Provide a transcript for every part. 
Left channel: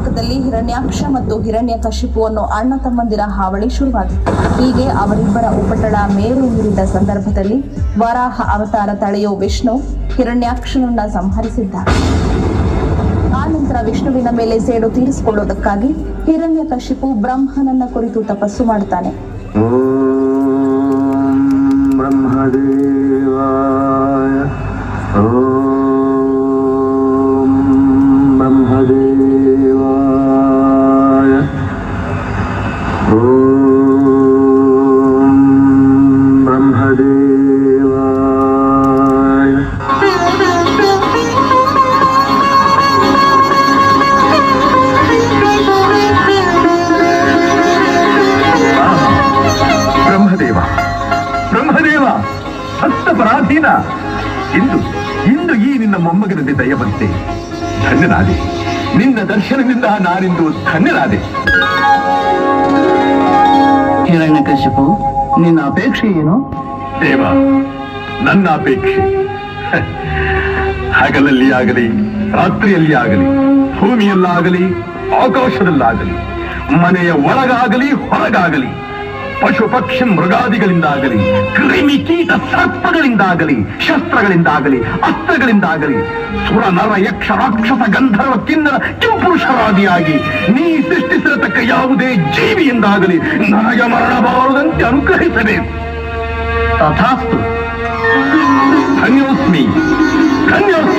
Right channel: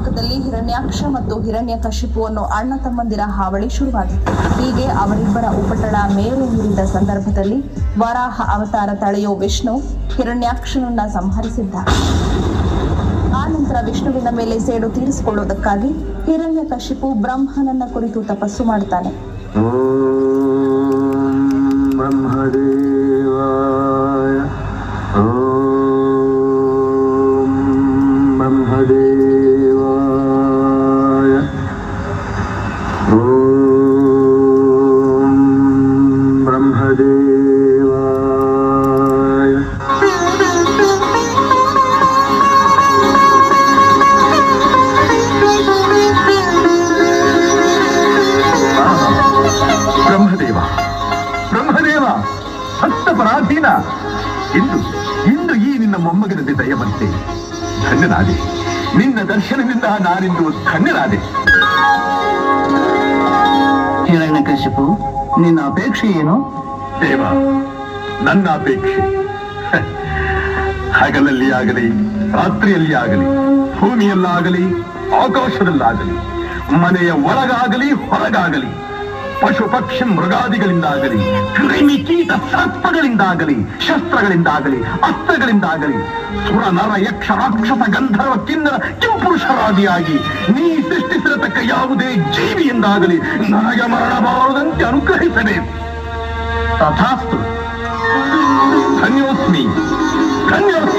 ಲೋಕದಲ್ಲಿ ಹಿರಣ್ಯಾಕ್ಷ ಮತ್ತು ಹಿರಣ್ಯಕಶಿಪು ಅನ್ನೋ ಅಣ್ಣ ತಮ್ಮಂದಿರ ಹಾವಳಿ ಶುರುವಾಗಿತ್ತು. ಹೀಗೆ ಅವರಿಬ್ಬರ ಉಪಟಳ ಮೇರು ಮೀರಿದ ಸಂದರ್ಭದಲ್ಲಿ ವರಾಹ ಅವತಾರ ತಳೆಯೋ ವಿಷ್ಣು ಹಿರಣ್ಯಾಕ್ಷನನ್ನ ಸಂಹರಿಸಿದ್ದ. ಆ ನಂತರ ವಿಷ್ಣುವಿನ ಮೇಲೆ ಸೇಡು ತೀರಿಸಿಕೊಳ್ಳುವುದಕ್ಕಾಗಿ ಹಿರಣ್ಯಕಶಿಪು ಬ್ರಹ್ಮನನ್ನ ಕುರಿತು ತಪಸ್ಸು ಮಾಡ್ತಾನೆ. ಪರಾಧೀನ ಇಂದು ಈ ನಿನ್ನ ಮೊಮ್ಮಗನಲ್ಲಿ ದಯ ಬಂತೆ. ಧನ್ಯನಾದೆ. ನಿನ್ನ ದರ್ಶನದಿಂದ ನಾನಿಂದು ಧನ್ಯನಾದೆ. ಹಿರಣ್ಯಕಶಿಪು, ನಿನ್ನ ಅಪೇಕ್ಷೆ ಏನು? ದೇವ, ನನ್ನ ಅಪೇಕ್ಷೆ ಹಗಲಲ್ಲಿ ಆಗಲಿ, ರಾತ್ರಿಯಲ್ಲಿ ಆಗಲಿ, ಭೂಮಿಯಲ್ಲಾಗಲಿ, ಆಕಾಶದಲ್ಲಾಗಲಿ, ಮನೆಯ ಒಳಗಾಗಲಿ ಹೊರಗಾಗಲಿ, ಪಶು ಪಕ್ಷಿ ಮೃಗಾದಿಗಳಿಂದಾಗಲಿ, ಕ್ರಿಮಿ ಕೀಟ ಸರ್ಪಗಳಿಂದಾಗಲಿ, ಶಸ್ತ್ರಗಳಿಂದಾಗಲಿ, ಅಸ್ತ್ರಗಳಿಂದಾಗಲಿ, ಸುರ ನರ ಯಕ್ಷ ರಾಕ್ಷಸ ಗಂಧರ್ವ ಕಿನ್ನರ ಕಿಂಪುರುಷರಾದಿಯಾಗಿ ನೀ ಸೃಷ್ಟಿಸಿರತಕ್ಕ ಯಾವುದೇ ಜೀವಿಯಿಂದಾಗಲಿ ನನಗೆ ಮರಣಬಾರದಂತೆ ಅನುಗ್ರಹಿಸಬೇಕು. ತಥಾಸ್ತು. ಧನ್ಯೋಸ್ಮಿ, ಧನ್ಯೋಸ್ಮಿ.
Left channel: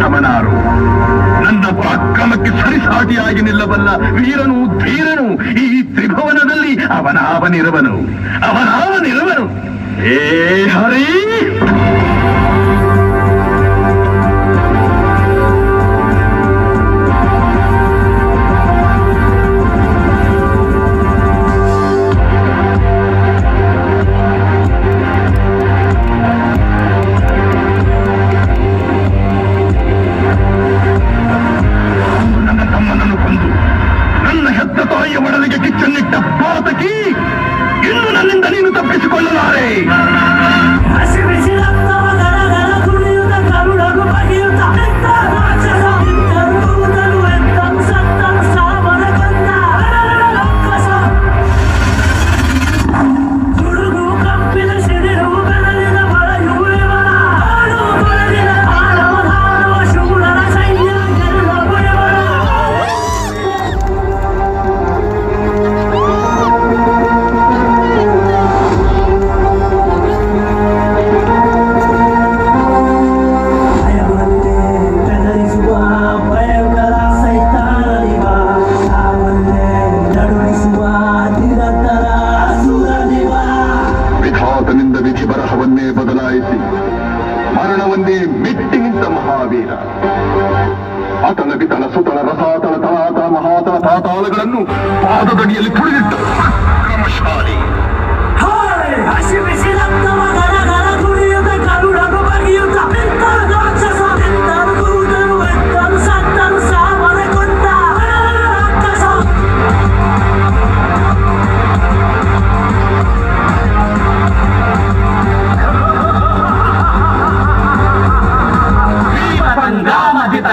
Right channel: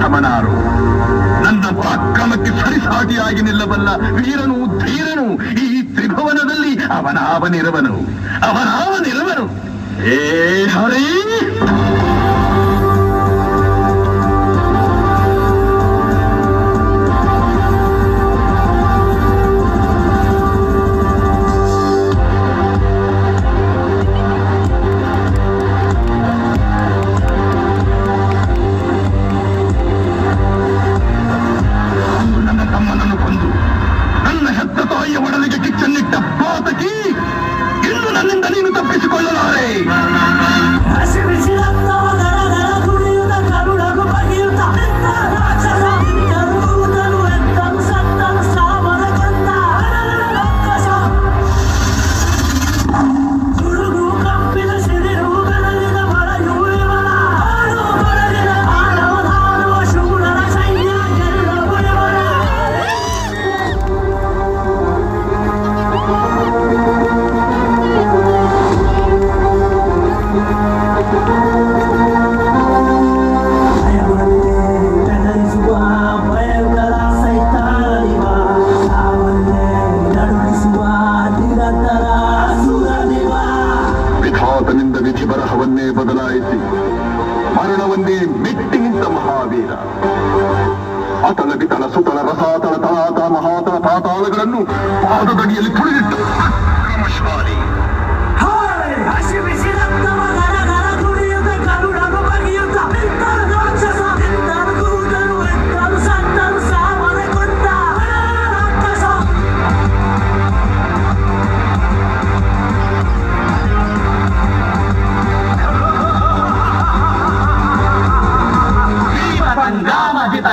ಸಮನಾರು, ನನ್ನ ಪರಾಕ್ರಮಕ್ಕೆ ಸರಿಸಾಟಿಯಾಗಿ ನಿಲ್ಲಬಲ್ಲ ವೀರನು ಧೀರನು ಈ ತ್ರಿಭುವನದಲ್ಲಿ ಅವನಾವನಿರುವನು. ಏ ಹರಿ, ಒಡಲಿಗೆ ಕಿಚ್ಚನ್ನಿಟ್ಟ ಪಾತಕಿ, ಇನ್ನು ನನ್ನಿಂದ ನೀನು ತಪ್ಪಿಸಿಕೊಳ್ಳಲಾರೆ. ವಿಧಿ ಬರಹವನ್ನೇ ಬದಲಾಯಿಸಿ ಮರಣವನ್ನೇ ಮೆಟ್ಟಿ ನಿಂತ ಮಹಾವೀರ. ಅತಳ ಬಿತಳ ಸುತಳ ರಸಾತಳ ತಳಾತಳ ಮಹಾತಳ ಪಾತಾಳಗಳನ್ನು ಪಾದದಡಿಯಲ್ಲಿ ತುಳಿದಿಟ್ಟ ಕ್ರಮಶಾಲಿ.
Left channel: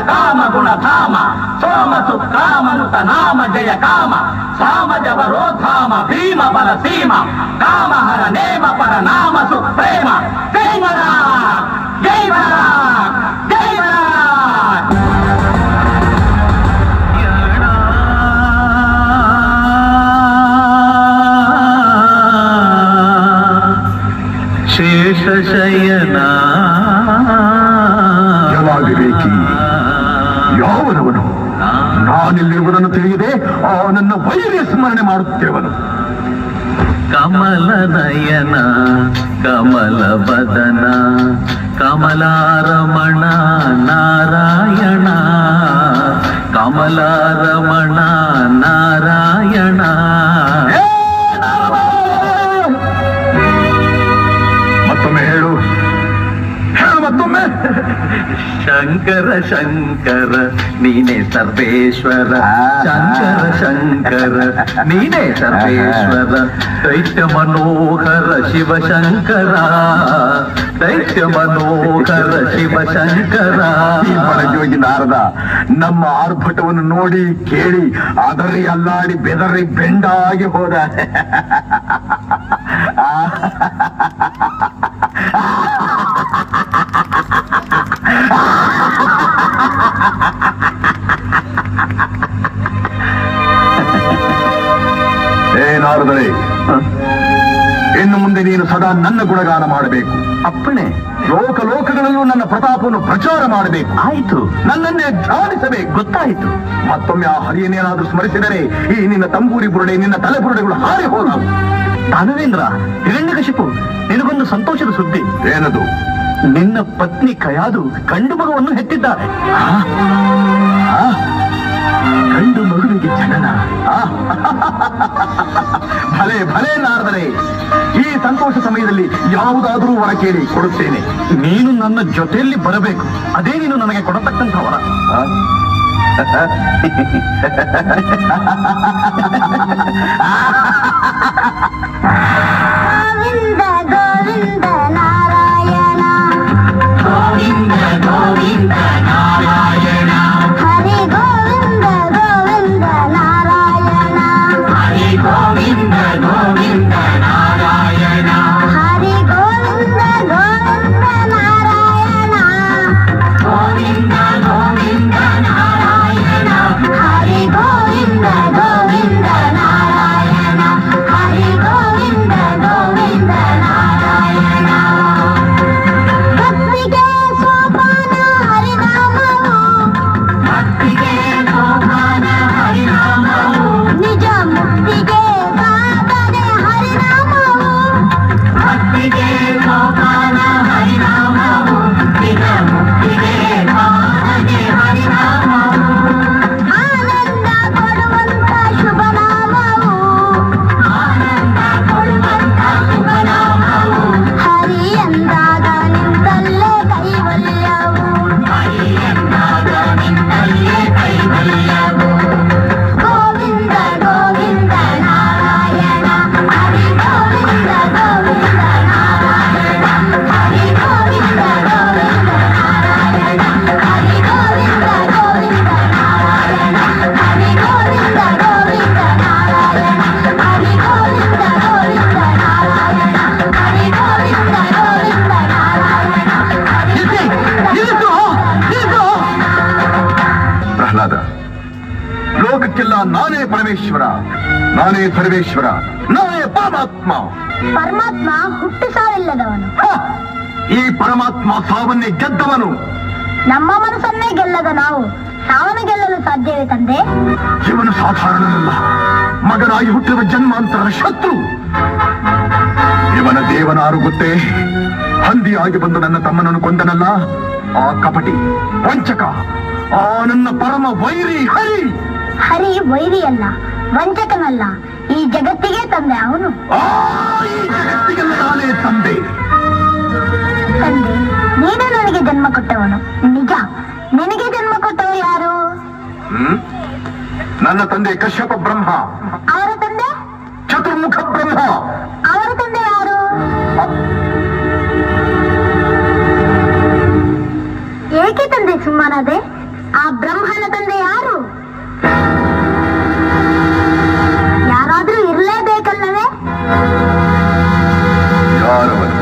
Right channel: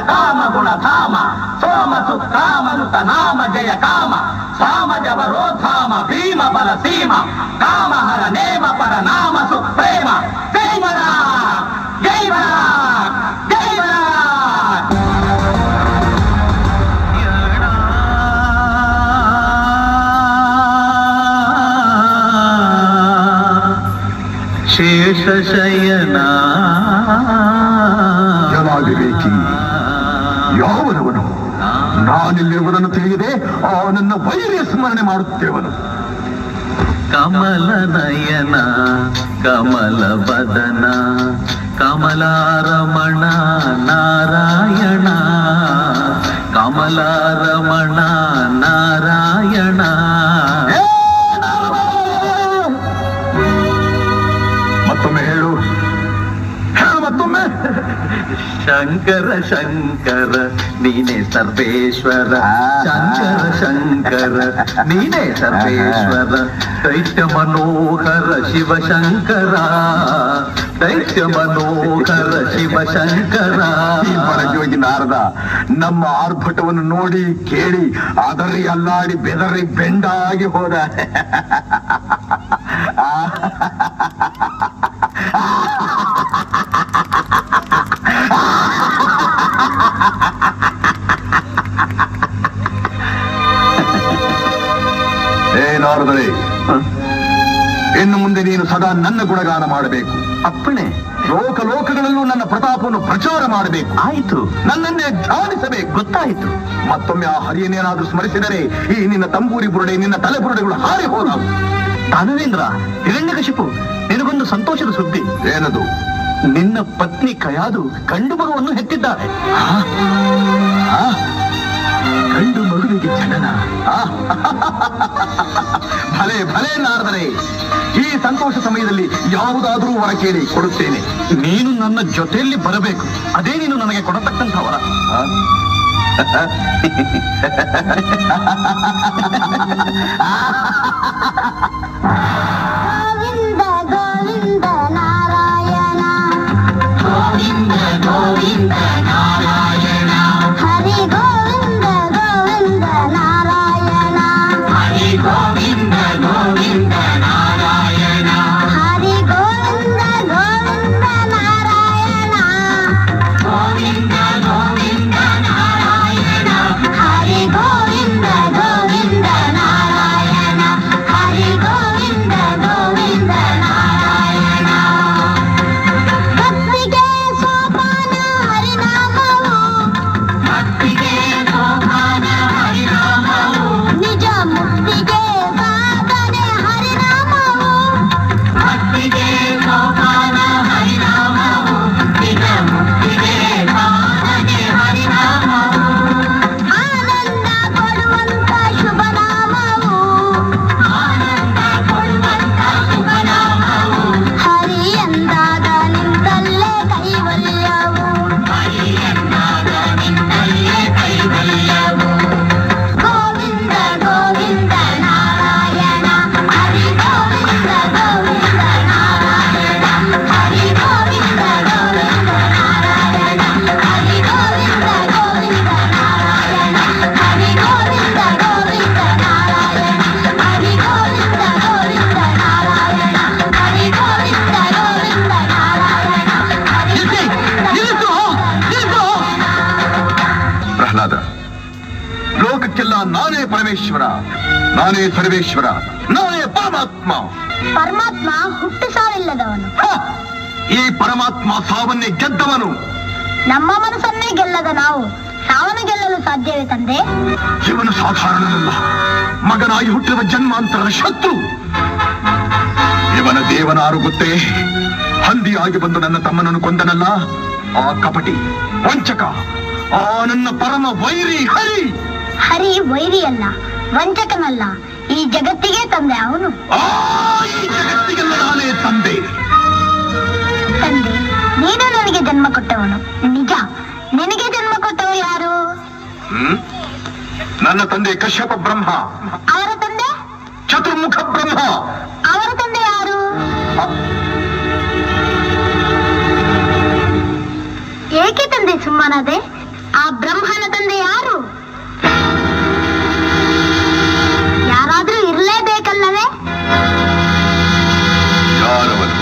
ಕಾಮ ಗುಣಧಾಮ ಸೋಮ ಸುಕ್ರಾಮನುತ ನಾಮ ಜಯ ಕಾಮ ಸಾಮ ಜವರೋಧಾಮ ಭೀಮ ಬಲ ಸೀಮ ಕಾಮ ಹರ ನೇಮ ಪರ ನಾಮ ಸುಪ್ರೇಮ. ಜೈವರ ಜೈವರ ಜೈವರ. ಶೇಷಶಯನ ಯಾವನವನು ನಾನಿಲ್ಲಿರುವುದನ್ನು ತಿಳಿಯದೆ ಅವನನ್ನ ವೈರ್ಯ ಸ್ಮರಣೆ ಮಾಡುತ್ತೇವನು. ಕಮಲ ನಯನ ಕಮಲ ಬದನ ಕಮಲಾರಮಣ ನಾರಾಯಣ ಕಮಲಾರಮಣ ನಾರಾಯಣ. ಮತ್ತೊಮ್ಮೆ ಹೇಳು, ಮತ್ತೊಮ್ಮೆ. ಶಂಕರ ಶಂಕರ ನೀನೇ ಸರ್ವೇಶ್ವರ ಶಂಕರ ಶಂಕರ ನೀನೇ ಸರ್ವೇಶ್ವರ ದೈತ್ಯ ಮನೋಹರ ಶಿವಶಂಕರ ದೈತ್ಯ ಮನೋಹರ ಶಿವಶಂಕರ. ಪರಜೋಗಿ ನಾರದ ನಮ್ಮ ಆರ್ಭಟವನ್ನು ನೋಡಿ ಕೇಳಿ ಅದರಿ ಅಲ್ಲಾಡಿ ಬೆದರಿ ಬೆಂಡಾಗಿ ಹೋದ. ನಾರದರೆ, ಇನ್ನು ಮುಂದೆ ನೀನು ಸದಾ ನನ್ನ ಗುಣಗಾನ ಮಾಡಬೇಕು. ಅಪ್ಪಣೆ. ಲೋಕಲೋಕಗಳಲ್ಲೂ ನನ್ನ ಪ್ರತಾಪವನ್ನು ಪ್ರಚಾರ ಮಾಡಬೇಕು. ಆಯಿತು. ನನ್ನನ್ನೇ ಧ್ಯಾನಿಸಬೇಕು. ಗೊತ್ತಾಯಿತು. ಮತ್ತೊಮ್ಮೆ ಆ ಹರಿಯನ್ನೇನಾದ್ರೂ ಸ್ಮರಿಸಿದರೆ ಈ ನಿನ್ನ ತಂಬೂರಿ ಬುರುಡೆ, ನಿನ್ನ ತಲೆ ಬುರುಡೆಗಳು ಹಾರಿ ಹೋದವು. ದಾನವೇಂದ್ರ, ಹಿರಣ್ಯಕಶಿಪು, ನಿನಗೊಂದು ಸಂತೋಷದ ಸುದ್ದಿ. ಏನದು? ನಿನ್ನ ಪತ್ನಿ ಕಯಾದು ಗಂಡು ಮಗುವನ್ನು ಹೆತ್ತಿದ್ದಾರೆ. ಗಂಡು ಮಗುವಿಗೆ ಜನನ? ಭಲೆ ಭಲೆ ನಾರದರೆ, ಈ ಸಂತೋಷ ಸಮಯದಲ್ಲಿ ಯಾವುದಾದರೂ ವರ ಕೇಳಿ ಕೊಡುತ್ತೇನೆ. ನೀನು ನನ್ನ ಜೊತೆಯಲ್ಲಿ ಬರಬೇಕು. ಅದೇ ನೀನು ನನಗೆ ಕೊಡತಕ್ಕಂಥ ವರ. ಗೋವಿಂದ ಗೋವಿಂದ ನಾರಾಯಣ ಗೋವಿಂದ ಗೋವಿಂದ ನಾರಾಯಣ ಹರಿ ಗೋವಿಂದ ಗೋವಿಂದ ನಾರಾಯಣ ಹರಿ ಗೋವಿಂದ ಗೋವಿಂದ ನಾರಾಯಣ ಹರಿ ಗೋವಿಂದ ಗೋವಿಂದ ನಾರಾಯಣ ಗೋವಿಂದ ಗೋವಿಂದ ನಾರಾಯಣ ಹರಿ ಗೋವಿಂದ ಗೋವಿಂದ ನಾರಾಯಣ ಹರಿ ಗೋವಿಂದ ಗೋವಿಂದ ನಾರಾಯಣ. ಭಕ್ತಿಗೆ ಸೋಪಾನ ಹರಿನಾಮವು ಭಕ್ತಿಗೆ ಸೋಪಾನ ಹರಿನಾಮವು ನಿಜ ಮುಕ್ತಿಗೆ ಸಾಧನೆ ಹರಿನಾಮವು ಭಕ್ತಿಗೆ ಸೋಪಾನ ಹರಿನಾಮವು ನಿಜ ಮುಕ್ತಿಗೆ ಸಾಧನೆ ಹರಿನಾಮವು ಆನಂದ ಕೊಡುವಂತ ಶುಭನಾಮವು ಆನಂದ ಕೊಡುವಂತ ಶುಭನಾಮವು ಹರಿ ಎಂದಾಗ ನಿಂತಲ್ಲೇ ಕೈವಲ್ಯವು ಹರಿ ಎಂದಾಗ ನಿನ್ನಲ್ಲೇ ಕೈವಲ್ಯವು ಗೋವಿಂದ ಗೋವಿಂದ ನಾರಾಯಣ ಹರಿ ಗೋವಿಂದ ಗೋವಿಂದ ನಾರಾಯಣ ಹರಿ ಗೋವಿಂದ ಗೋವಿಂದ ನಾರಾಯಣ ಹರಿ ಗೋವಿಂದ ಗೋವಿಂದ ನಾರಾಯಣ ಹರಿ ಗೋವಿಂದ ಗೋವಿಂದ ನಾರಾಯಣ ಹರಿ ಗೋವಿಂದ ಗೋವಿಂದ ನಾರಾಯಣ ಹರಿ ಗೋವಿಂದ ಗೋವಿಂದ ನಾರಾಯಣ ಹರಿ ಪ್ರಹ್ಲಾದ, ಲೋಕಕ್ಕೆಲ್ಲ ನಾನೇ ಪರಮೇಶ್ವರ, ನಾನೇ ಸರ್ವೇಶ್ವರ, ನಾನೇ ಪರಮಾತ್ಮ. ಪರಮಾತ್ಮ ಹುಟ್ಟು ಸಾವಿಲ್ಲದವನು. ಹ! ಈ ಪರಮಾತ್ಮ ಸಾವನ್ನೇ ಗೆದ್ದವನು. ನಮ್ಮ ಮನಸ್ಸನ್ನೇ ಗೆಲ್ಲದ ನಾವು ಸಾವನ್ನ ಗೆಲ್ಲಲು ಸಾಧ್ಯವೇ ತಂದೆ? ಇವನು ಸಾಧಾರಣನಲ್ಲ, ಮಗನಾಗಿ ಹುಟ್ಟಿರುವ ಜನ್ಮಾಂತರದ ಶತ್ರು. ಇವನ ದೇವನಾರು ಗೊತ್ತೇ? ಹಂದಿಯಾಗಿ ಬಂದು ನನ್ನ ತಮ್ಮನನ್ನು ಕೊಂದನಲ್ಲ, ಆ ಕಪಟಿ ವಂಚಕ, ಆ ನನ್ನ ಪರಮ ವೈರಿ ಹರಿ. ಹರಿ ವೈರಿಯಲ್ಲ, ವಂಚಕನಲ್ಲ, ಈ ಜಗತ್ತಿಗೆ ತಂದೆ ಅವನು. ಆ ಈ ಜಗತ್ತಿಗೆಲ್ಲ ನಾನೇ ತಂದೆ. ತಂದೆ, ನೀನು ನನಗೆ ಜನ್ಮ ಕೊಟ್ಟವನು ನಿಜ. ನಿನಗೆ ಜನ್ಮ ಕೊಟ್ಟವ ಯಾರು? ನನ್ನ ತಂದೆ ಕಶ್ಯಪ ಬ್ರಹ್ಮ, ಅವರ ತಂದೆ? ಚತುರ್ಮುಖ ಬ್ರಹ್ಮ. ಅವರ ತಂದೆ ಯಾರು? ಏಕೆ ತಂದೆ ಸುಮ್ಮನಾದೆ? ಆ ಬ್ರಹ್ಮನ ತಂದೆ ಯಾರು? ಯಾರಾದ್ರೂ ಇರಲೇಬೇಕಲ್ಲವೇ? ಯಾರವನು?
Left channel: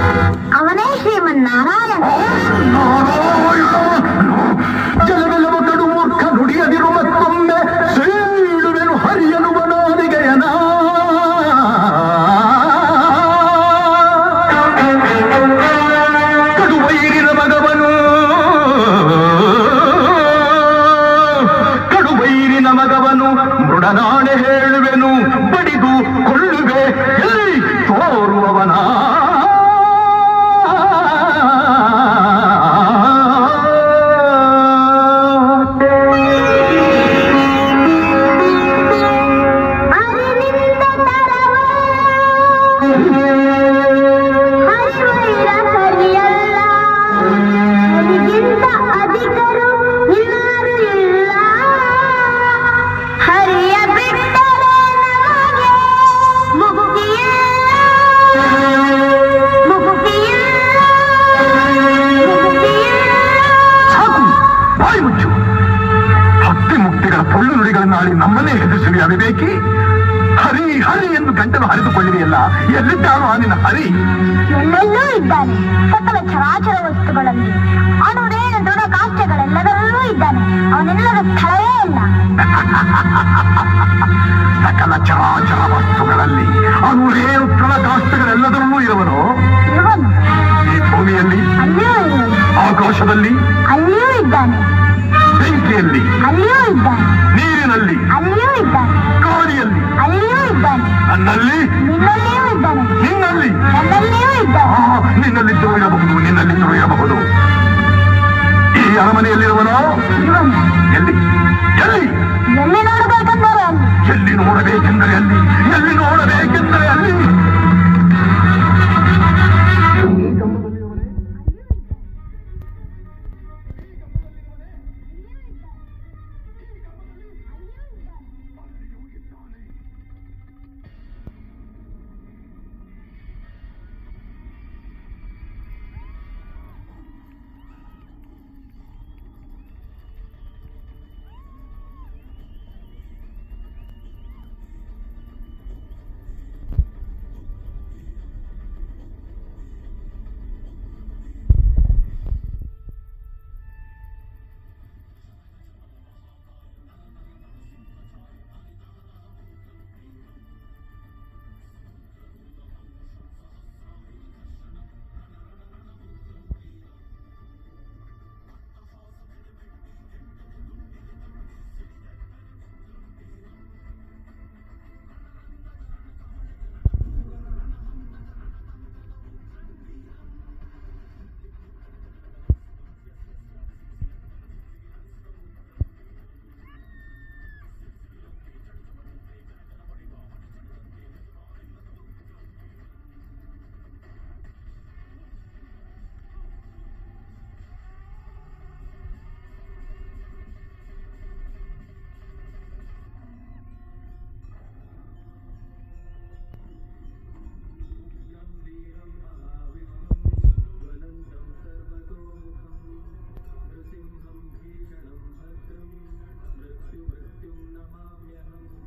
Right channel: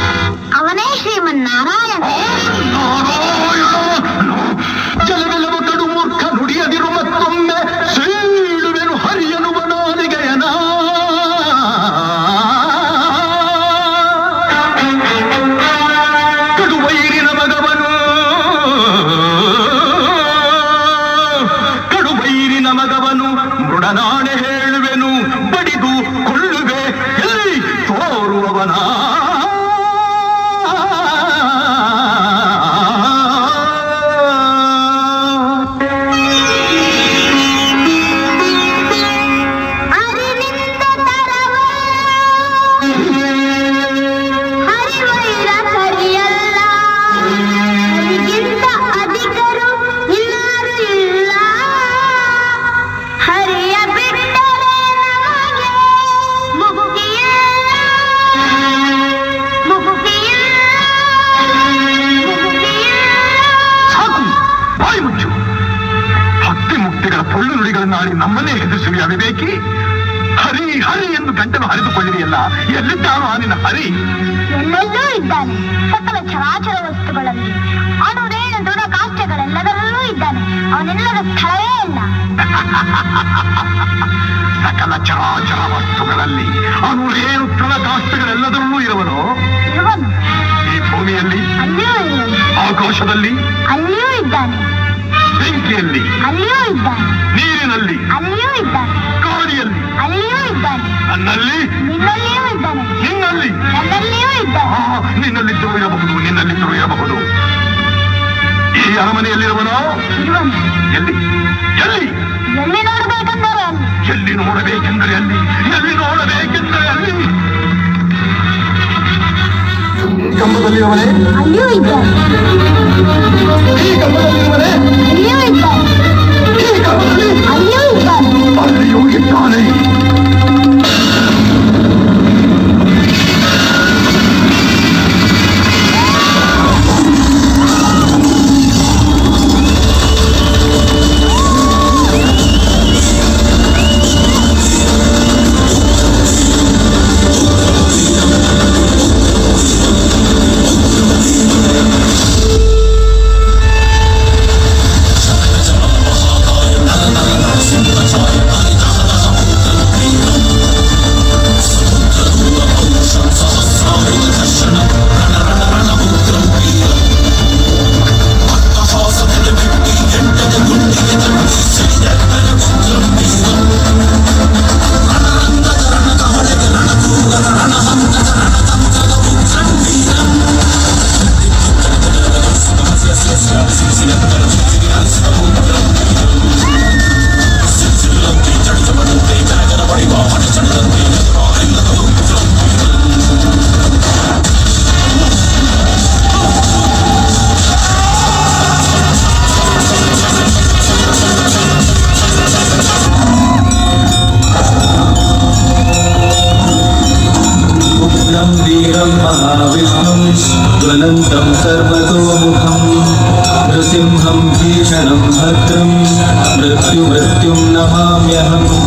ಅವನೇ ಶ್ರೀಮನ್ನಾರಾಯಣ. ಜಲವೆಲ್ಲವ ಕಡು ಮೂರ್ಖ ನುಡಿಯದಿರು ಮತ್ತೊಮ್ಮೆ ಸೀಳುವೆನು ಹರಿಯನುವ ನಾಲಿಗೆಯನ. ಕಡು ವೈರಿನ ಮಗವನು, ಕಡು ವೈರಿನ ಮಗವನು ಮೃಡನಾಣೆ ಹೇಳುವೆನು, ಬಡಿದು ಕೊಳ್ಳುವೆ ಎಲ್ಲಿ ತೋರುವವನ. ಅರಿವಿಂದ ತರವ ಹರಿವೈರ ಹರಿಯಲ್ಲ, ಹರಿಗಿಂತ ಅಧಿಕರು ಬಾಯಿ ಮುಚ್ಚು. ಭಕ್ತಿ ಮುಕ್ತಿಗಳ ಪೊಳ್ಳು ನುಡಿಗಳನ್ನಾಡಿ ನಮ್ಮನ್ನೇ ಹೆದರಿಸುವ ಅವಿವೇಕಿ. ಹರಿ ಹರಿ ಎಂದು ಗಂಟಲು ಹರಿದುಕೊಳ್ಳಿದೆಯಲ್ಲ, ಎಲ್ಲಿದ್ದಾನೋ ಆ ನಿನ್ನ ಹರಿ? ಎಲ್ಲೆಲ್ಲೂ ಇದ್ದಾನೆ. ಸಕಲ ಚರಾಚರ ವಸ್ತುಗಳಲ್ಲಿ, ಅಣುರೇಣು ದೃಢ ಕಾಷ್ಟಗಳೆಲ್ಲದರಲ್ಲೂ ಇದ್ದಾನೆ. ಅವನೆಲ್ಲದ ಸ್ಥಳವೇ ಇಲ್ಲ. ಸಕಲ ಚರಾಚರ ವಸ್ತುಗಳಲ್ಲಿ, ಅಣುರೇಣು ದೃಢ ಕಾಷ್ಟಗಳೆಲ್ಲದರಲ್ಲೂ ಇರುವನು. ಇವನು ಈ ಭೂಮಿಯಲ್ಲಿ, ಅಲ್ಲಿಯೂ ಇರುವನು. ಆಕಾಶದಲ್ಲಿ, ಅಲ್ಲಿಯೂ ಇದ್ದಾನೆ. ಬೆಂಕಿಯಲ್ಲಿ, ಅಲ್ಲಿಯೂ ಇದ್ದಾನೆ. ನೀರಿನಲ್ಲಿ, ಅಲ್ಲಿಯೂ ಇದ್ದಾನೆ. ಗಾಳಿಯಲ್ಲಿ, ಅಲ್ಲಿಯೂ ಇದ್ದಾನೆ. ನನ್ನಲ್ಲಿ, ನಿನ್ನಲ್ಲಿಯೂ ಇದ್ದಾನೆ. ನಿನ್ನಲ್ಲಿ, ನನ್ನಲ್ಲಿಯೂ ಇದ್ದಾನೆ. ನಿನ್ನಲ್ಲಿದ್ದು ಇರಬಹುದು, ನಿನ್ನಲ್ಲಿದ್ದು ಇರಬಹುದು. ಈ ಅರಮನೆಯಲ್ಲಿರುವನೋ? ಇವನು ಎಲ್ಲಿ ಎಲ್ಲಿ ಎಲ್ಲಿ ನೋಡಬೇಕೆಂದರೆ ಅಲ್ಲಿ. ಎಲ್ಲಿ ನೋಡಬೇಕೆಂದರೆ ಅಲ್ಲಿ, ಎಲ್ಲಿ ನೋಡಬೇಕೆಂದರೆ ಅಲ್ಲಿ. ಈ ಕಂಬದಲ್ಲಿರುವನೇ? ಅಲ್ಲಿಯೂ ಇದ್ದಾನೆ. ಈ ಕಂಬದಲ್ಲಿರುವನೇ? ಅಲ್ಲಿಯೂ ಇದ್ದಾನೆ. ಈ ಕಂಬದಲ್ಲಿ? ಅಲ್ಲಿಯೂ ಇದ್ದಾನೆ. ಅಲ್ಲಿಯೂ ಇದ್ದಾನೆ. ज्वलन्तं सर्वतोमुखं नृसिंहं भीषणं भद्रं मृत्युमृत्युं नमाम्यहम्